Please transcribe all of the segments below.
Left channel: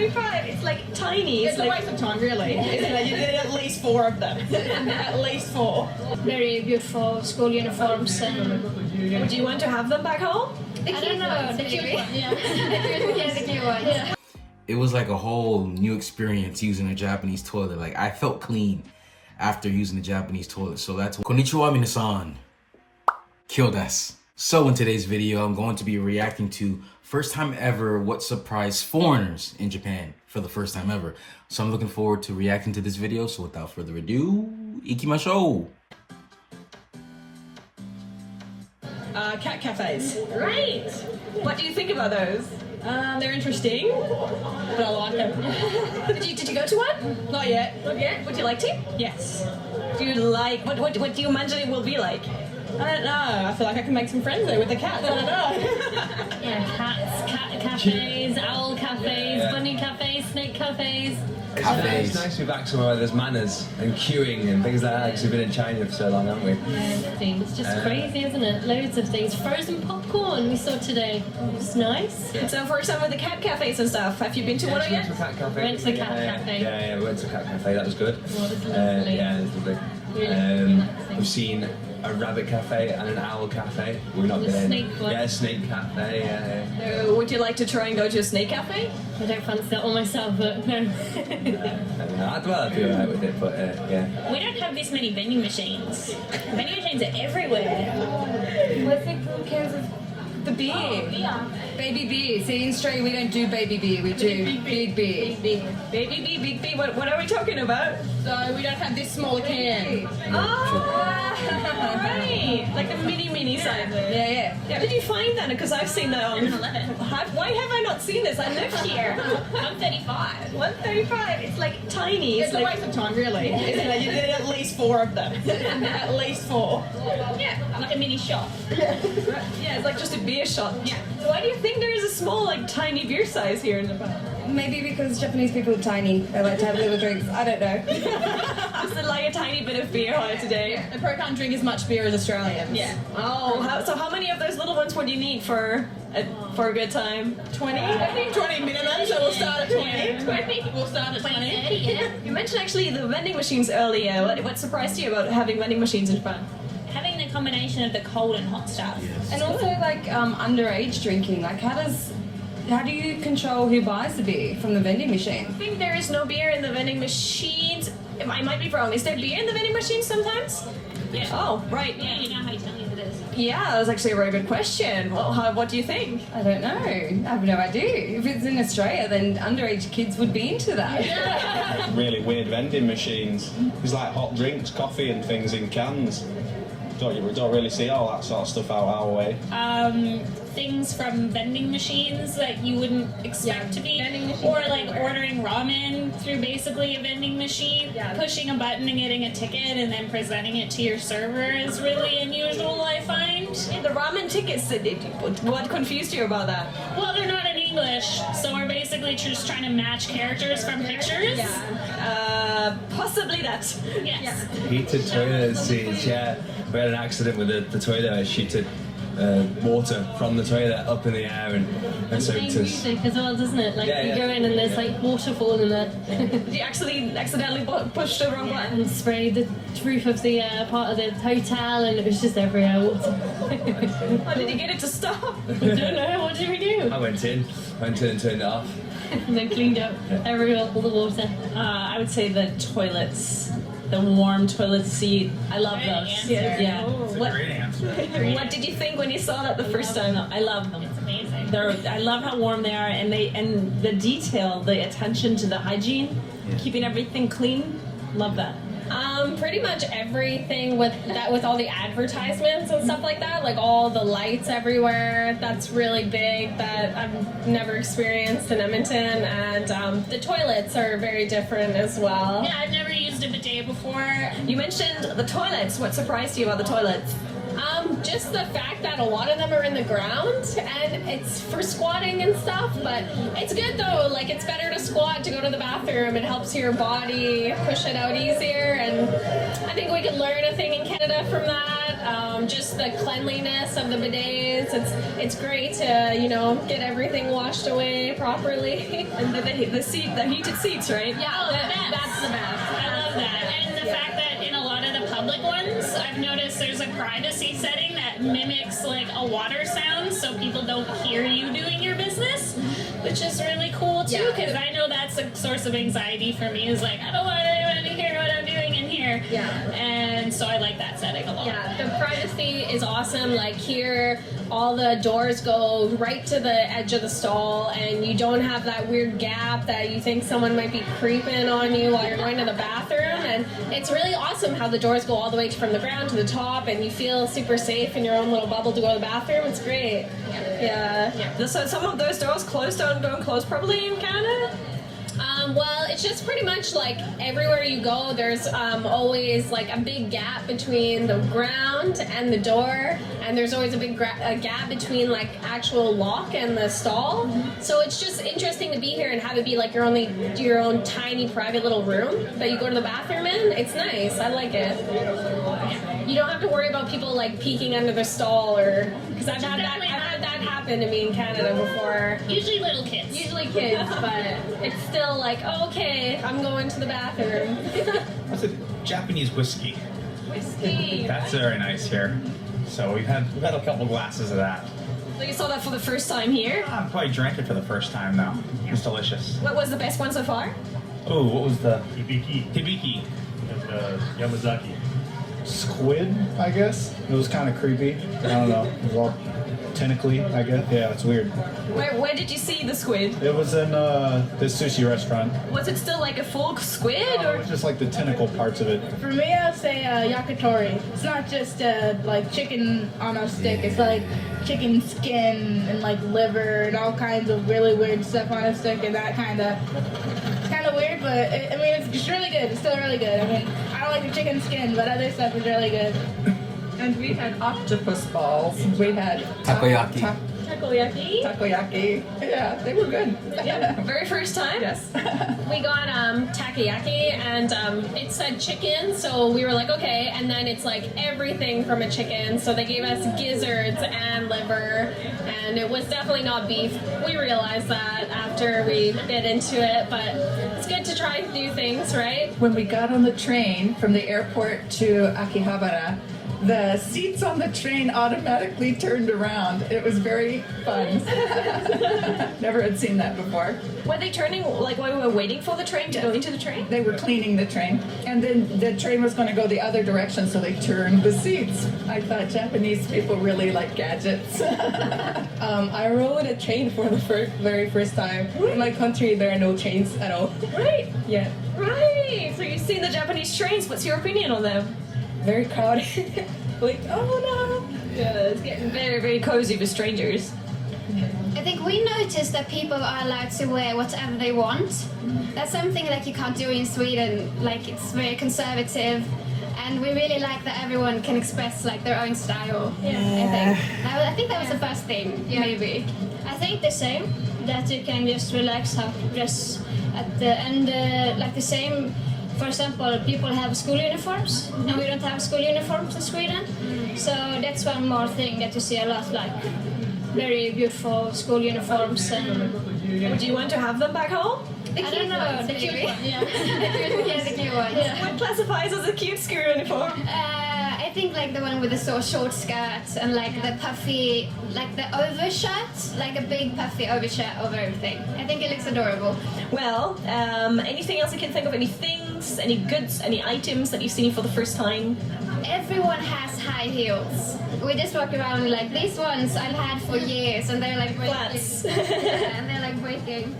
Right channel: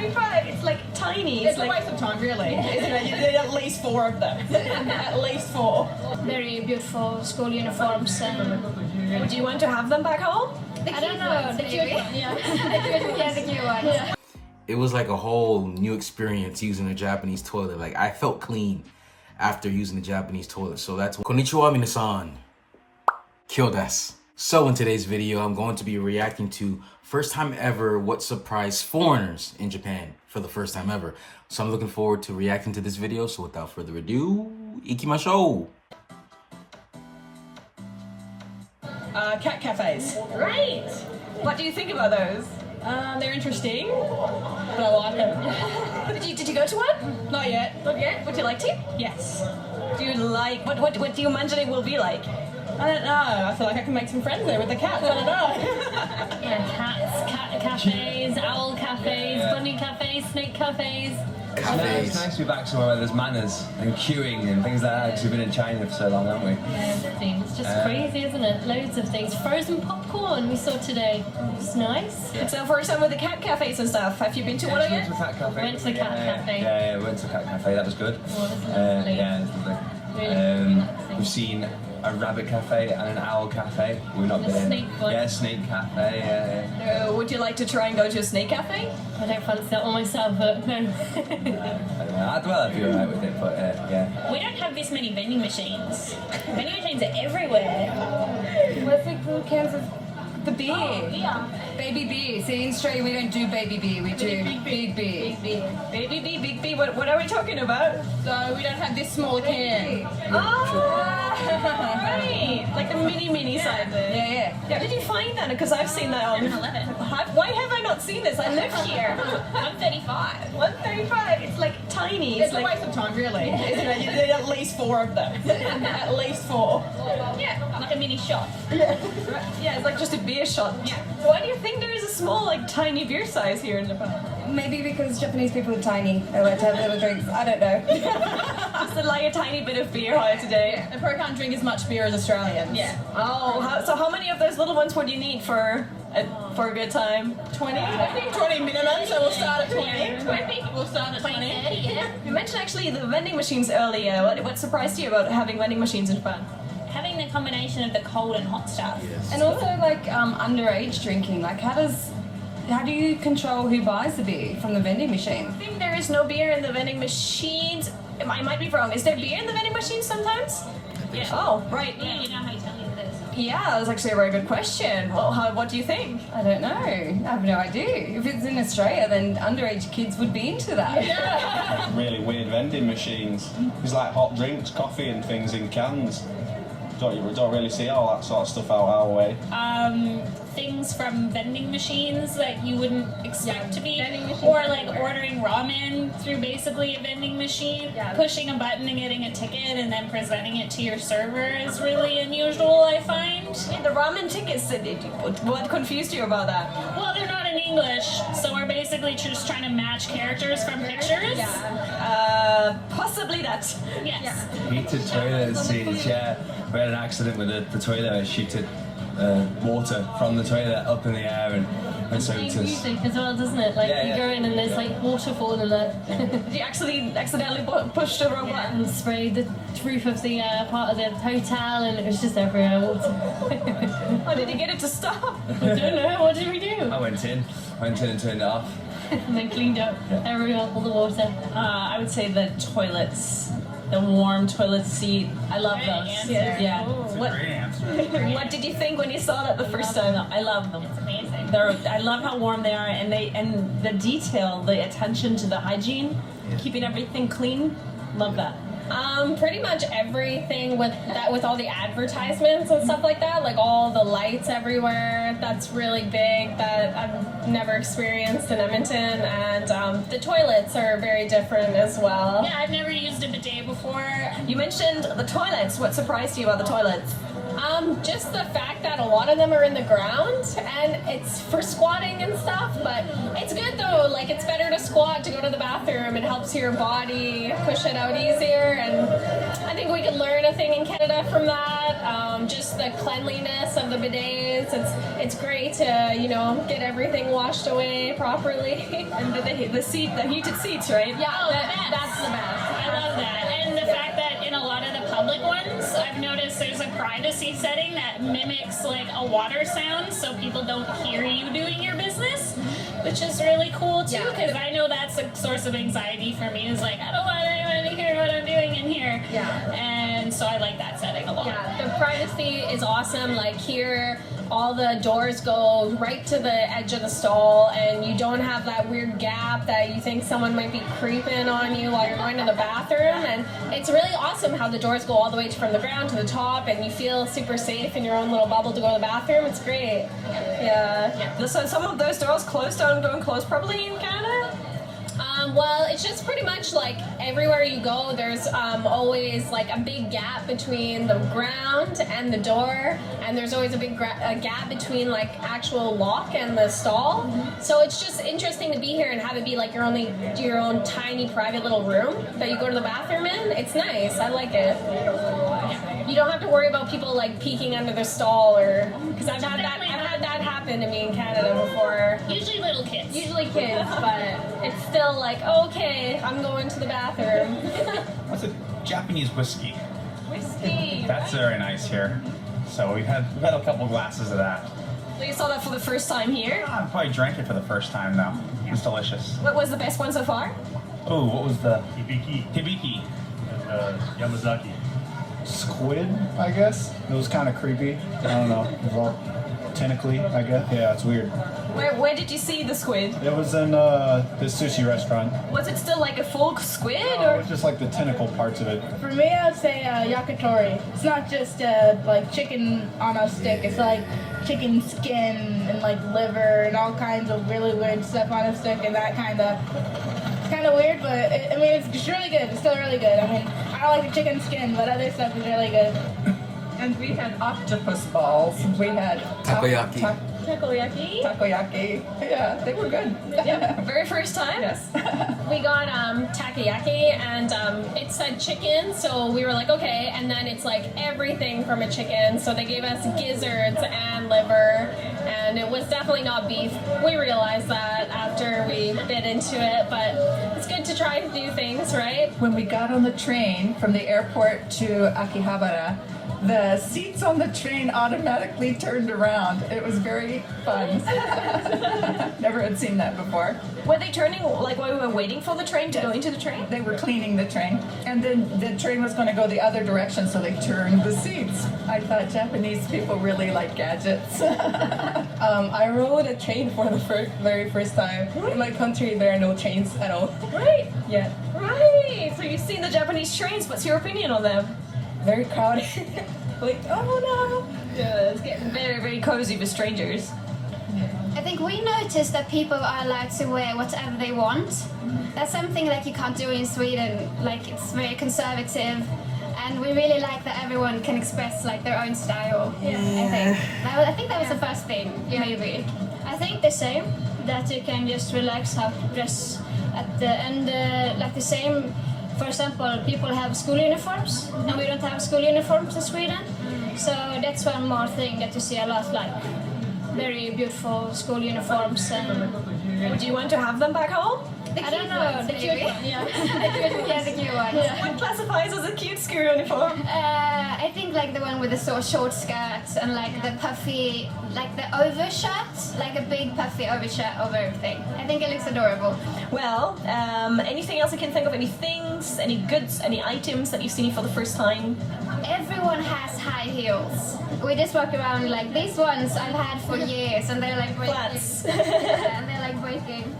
135. It's like tiny. It's a waste of time, really. Isn't it? You need at least 4 of them. At least 4. Very beautiful school uniforms. Would you want to have them back home? I don't know, the cute one. Yeah, the cute one. It was like a whole new experience using a Japanese toilet. Like, I felt clean after using the Japanese toilet. So that's konnichiwa minasan. Kyo desu. So in today's video, I'm going to be reacting to first time ever what surprised foreigners in Japan for the first time ever. So I'm looking forward to reacting to this video. So without further ado, ikimashou. Cat cafes. Great. What do you think about those? They're interesting, but I like them. Did you go to one? Not yet. Not yet. Would you like to? Yes. Do you like what do you imagine it will be like? I don't know. I feel like I can make some friends there with the cats. I don't know. Yeah, cats, cat cafes, owl cafes, bunny cafes, snake cafes. Cafes. It's nice to be back somewhere where there's manners and queuing and things like that, because we've been in China for so long, haven't we? Yeah, it's just crazy, isn't it? Loads of things. Frozen popcorn we saw today. It's nice. So for example, the cat cafes and stuff. Have you been to one We went yet? to a cat cafe. Went to the cat cafe. Yeah, we went to a cat cafe. That was good. Oh, it was lovely. Yeah, it was lovely. Really relaxing. We've seen a rabbit cafe and an owl cafe. We've not The been. snake one. Yeah, snake cafe. Yeah. Would you like to try and go to a snake cafe? I don't fancy that one myself, but no. I'd be alright with it, but yeah. We don't have this many vending machines. Vending machines are everywhere. Let's take little cans of the beer. Baby beer. See, in Australia we don't do baby beer, we do big beer. Baby B. What are we talking about? So we don't have this small can. Right. Like the mini size. Yeah. How did you find that? Because I've seen that on 11. Why have I not seen this? I live here. 135. 135. It's like tiny. It's a like waste of time, really. Isn't it? You need at least 4 of them. At least 4. Yeah, like a mini shop. yeah, it's like just a beer shot. Yeah. So why do you think there is a small, like tiny beer size here in Japan? Maybe because Japanese people are tiny. They like to have little drinks. I don't know. Just like a tiny bit of beer here today. They probably can't drink as much beer as Australians. Yeah. Oh, so how many of those little ones would you need for a good time? 20? I think 20 minimum, so we'll start at 20. Yeah, 20. We'll start at 20. 30, yeah. You mentioned actually the vending machines earlier. What surprised you about having vending machines in Japan? Having the combination of the cold and hot stuff. And also like underage drinking. Like how do you control who buys the beer from the vending machine? I think there is no beer in the vending machines. I might be wrong. Is there beer in the vending machines sometimes? Yeah. Oh, right. Yeah, you know how Italians it is. Yeah, that's actually a very good question. What do you think? I don't know. I have no idea. If it's in Australia, then underage kids would be into that. Really weird vending machines. There's like hot drinks, coffee and things in cans. Don't really see all that sort of stuff out our way. Things from vending machines that you wouldn't expect to be, or like ordering ramen through basically a vending machine, pushing a button and getting a ticket and then presenting it to your server is really unusual, I find. Yeah, the ramen tickets. What confused you about that? Well, they're not in English, so we're basically just trying to match characters from pictures. Possibly that. Yes. Heated toilet seats, yeah. We had an accident with the toilet where it shooted water from the toilet up in the air and soaked us. Music as well, doesn't it? Like you go in and there's like waterfall in there. Did you actually accidentally push the wrong button? And sprayed the roof of the part of the hotel, and it was just everywhere water. Oh, did you get it to stop? I don't know. What did we do? I went in and turned it off. And then cleaned up everywhere, all the water. I would say the toilets, the warm toilet seat. I love those. Yeah. What did you think when you saw that the first time? I love them. It's amazing. I love how warm they are, and the detail, the attention to the hygiene, keeping everything clean. Love that. Pretty much everything with all the advertisements and stuff like that, like all the lights everywhere, that's really big, that I've never experienced in Edmonton, and the toilets are very different as well. Yeah, I've never used a bidet before. You mentioned the toilets. What surprised you about the toilets? Just the fact that a lot of them are in the ground and it's for squatting and stuff, but it's good though. Like, it's better to squat to go to the bathroom. It helps your body push it out easier, and I think we could learn a thing in Canada from that. Just the cleanliness of the bidets. It's great to, you know, get everything washed away properly. And the heated seats, right? Yeah, that's the best. I love that. And the fact that in a lot of the public ones, I've noticed there's a privacy setting that mimics like a water sound so people don't hear you doing your business, which is really cool too, because I know that's a source of anxiety for me, is like, I don't want anyone to hear what I'm doing in here. Yeah. And so I like that setting a lot. Yeah, the privacy is awesome. Like here, all the doors go right to the edge of the stall, and you don't have that weird gap that you think someone might be creeping on you while you're going to the bathroom. And it's really awesome how the doors go all the way from the ground to the top, and you feel super safe in your own little bubble to go to the bathroom. It's great. Yeah. So some of those doors don't close properly in Canada? Well, it's just pretty much like everywhere you go, there's always like a big gap between the ground and the door, and there's always a big gap between like actual lock and the stall. So it's just interesting to be here and have it be like your own tiny private little room that you go to the bathroom in. It's nice. I like it. You don't have to worry about people like peeking under the stall, or because I've had that happen to me in Canada before. Usually little kids. But it's still like, okay, I'm going to the bathroom. What's a Japanese whiskey? Whiskey. That's very nice here. So we've had a couple glasses of that. So you saw that for the first time here? I probably drank it for the first time now. It's delicious. What was the best one so far? Oh, what was the Hibiki hibiki? and Yamazaki. Squid, I guess. It was kind of creepy. I don't know. It was all tentacly, I guess. Yeah, it's weird. Where did you see the squid? It was in this sushi restaurant. Was it still like a full squid? It Or? was just like the tentacle parts of it. For me, I'd say yakitori. It's not just like chicken on a stick. It's like chicken skin and like liver and all kinds of really weird stuff on a stick, and that kind of weird, but it's really good. It's still really good. I mean, I don't like the chicken skin, but other stuff is really good. And we had octopus balls. We had Takoyaki. Takoyaki. Yeah, they were good. Yeah, very first time? Yes. We got takoyaki, and it said chicken, so we were like, okay, and then it's like everything from a chicken, so they gave us gizzards and liver, and it was definitely not beef. We realized that after we bit into it, but it's good to try new things, right? When we got on the train from the airport to Akihabara, the seats on the train automatically turned around. It was very fun. Never had seen that before. Were they turning, like when we were waiting for the train to go into the train? They were cleaning the train, and then the train was going to go the other direction, so they turned the seats. I thought Japanese people really like gadgets. I rode a train for the very first time. In my country, there are no trains at all. Right. Yeah. Right. So you've seen the Japanese trains. What's your opinion on them? Very crowded. Like, oh no. Yeah, it's getting very, very cozy with strangers. I think we noticed that people are allowed to wear whatever they want. That's something like you can't do in Sweden. Like, it's very conservative, and we really like that everyone can express like their own style. I think that was the first thing. Yeah, you agree? I think the same. That you can just relax how to dress at the end, like the same. For example, people have school uniforms, and we don't have school uniforms in Sweden. So that's one more thing that you see a lot, like very beautiful school uniforms. And would you want to have them back home? I don't know, the cute one, yeah. The cute one. What classifies as a cute school uniform? I think like the one with the short skirts and like the puffy, like the overshirt, like a big puffy overshirt over everything. I think it looks adorable. Well, anything else you can think of? Any things, any goods, any items that you've seen for the first time? Everyone has high heels. We just walk around like these ones I've had for years, and they're like flats. And they're like breaking.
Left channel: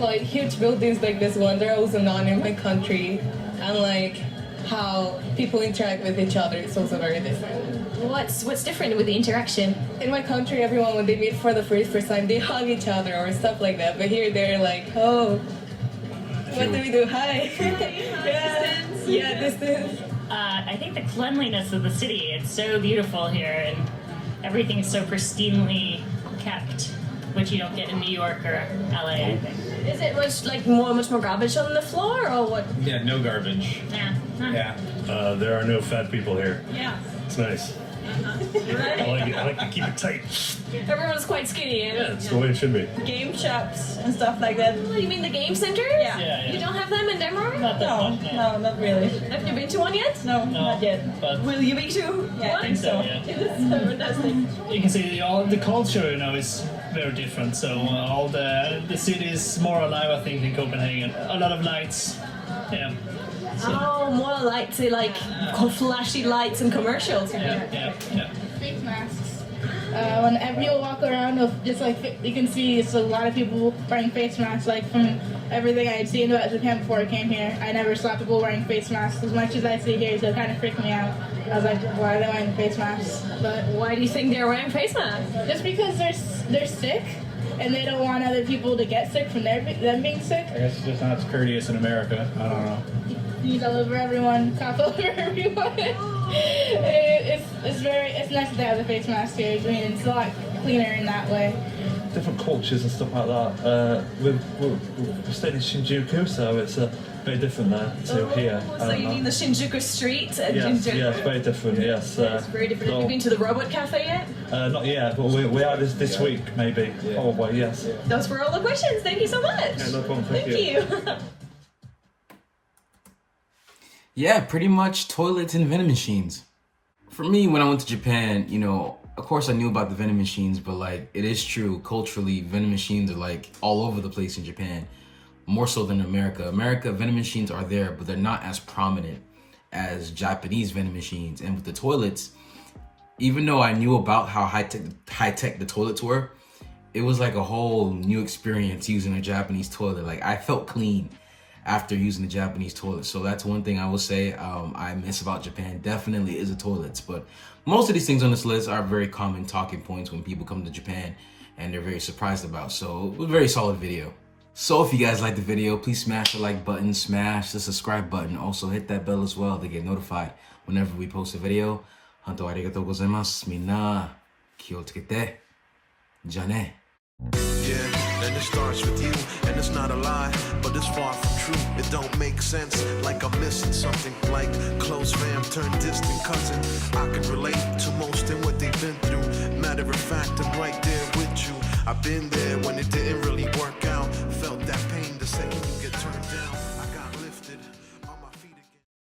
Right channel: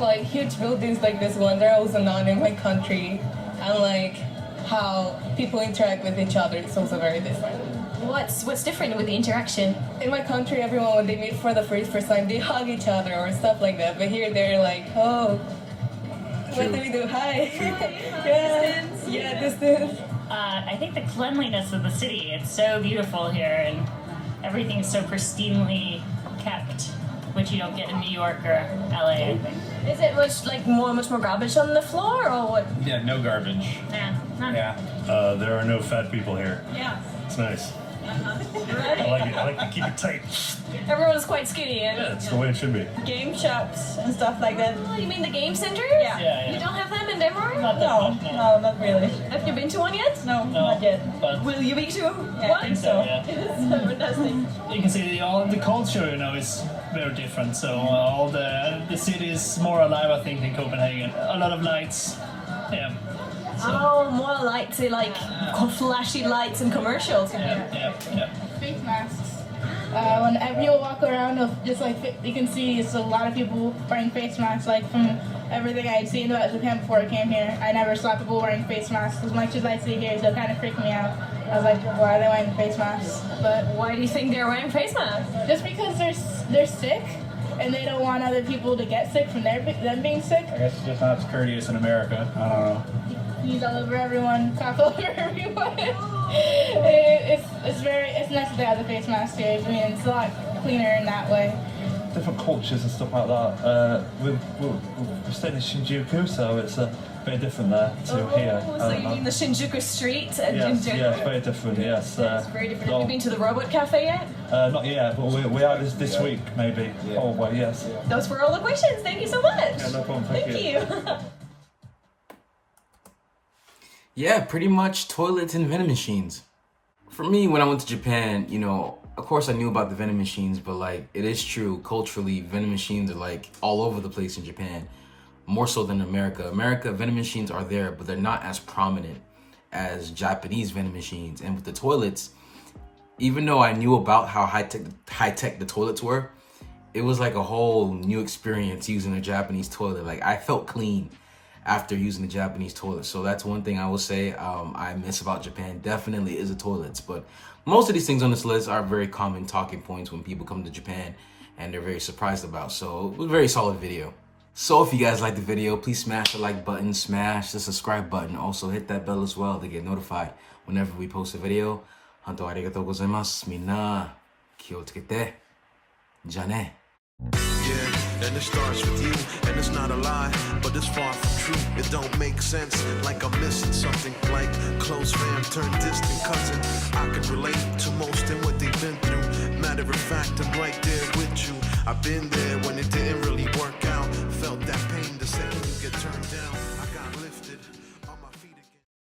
Like huge buildings like this one, they're also known in my country, and like how people interact with each other, it's also very different. What's different with the interaction? In my country, everyone when they meet for the first time, they hug each other or stuff like that. But here, they're like, oh, what do we do? Hi. Yeah, distance. I think the cleanliness of the city, it's so beautiful here, and everything's so pristinely kept, which you don't get in New York or LA, I think. Is it much more garbage on the floor, or what? Yeah, no garbage. Yeah. There are no fat people here. Yeah. It's nice. I like it. I like to keep it tight. Everyone's quite skinny. Yeah, it's the way it should be. Game shops and stuff like that. Oh, you mean the game centers? Yeah. You don't have them in Denver? No, not really. Have you been to one yet? No, not yet. Will you be to Yeah, one? I think so. It is fantastic. You can see the culture, is very different. So all the city is more alive, I think, in Copenhagen. A lot of lights. Yeah. So, more lights, like flashy lights and commercials. yeah. Face masks. Whenever you walk around, you can see it's a lot of people wearing face masks. Like from everything I had seen about Japan before I came here, I never saw people wearing face masks as much as I see here. So it kind of freaked me out. I was like, why are they wearing face masks? But why do you think they're wearing face masks? Just because they're sick. And they don't want other people to get sick from them being sick. I guess it's just not as courteous in America. I don't know. Sneeze all over everyone, cough all over everyone. It's nice to have the face mask here. I mean, it's a lot cleaner in that way. Different cultures and stuff like that. We're staying in Shinjuku, so it's very different there to here. So you mean the Shinjuku street? Yes, it's very different, yes. It's very different. Have you been to the Robot Cafe yet? Not yet, but we are this week, maybe. Probably, yes. Those were all the questions. Thank you so much. Yeah, no problem. Thank you. Yeah, pretty much toilets and vending machines. For me, when I went to Japan, of course I knew about the vending machines, but it is true, culturally, vending machines are all over the place in Japan, more so than America. America, vending machines are there, but they're not as prominent as Japanese vending machines. And with the toilets, even though I knew about how high-tech the toilets were, it was like a whole new experience using a Japanese toilet. I felt clean after using the Japanese toilet. So that's one thing I will say I miss about Japan, definitely, is the toilets. But most of these things on this list are very common talking points when people come to Japan and they're very surprised about. So it was a very solid video. So if you guys liked the video, please smash the like button, smash the subscribe button. Also hit that bell as well to get notified whenever we post a video. Hantou arigatou gozaimasu. Minna, kiyo tsukete. Ja ne. Yeah, and it starts with you, and it's not a lie, but it's far from true. It don't make sense, like I'm missing something, like close fam turned distant cousin. I can relate to most in what they've been through. Matter of fact, I'm right there with you. I've been there when it didn't really work out. Felt that pain the second you get turned down.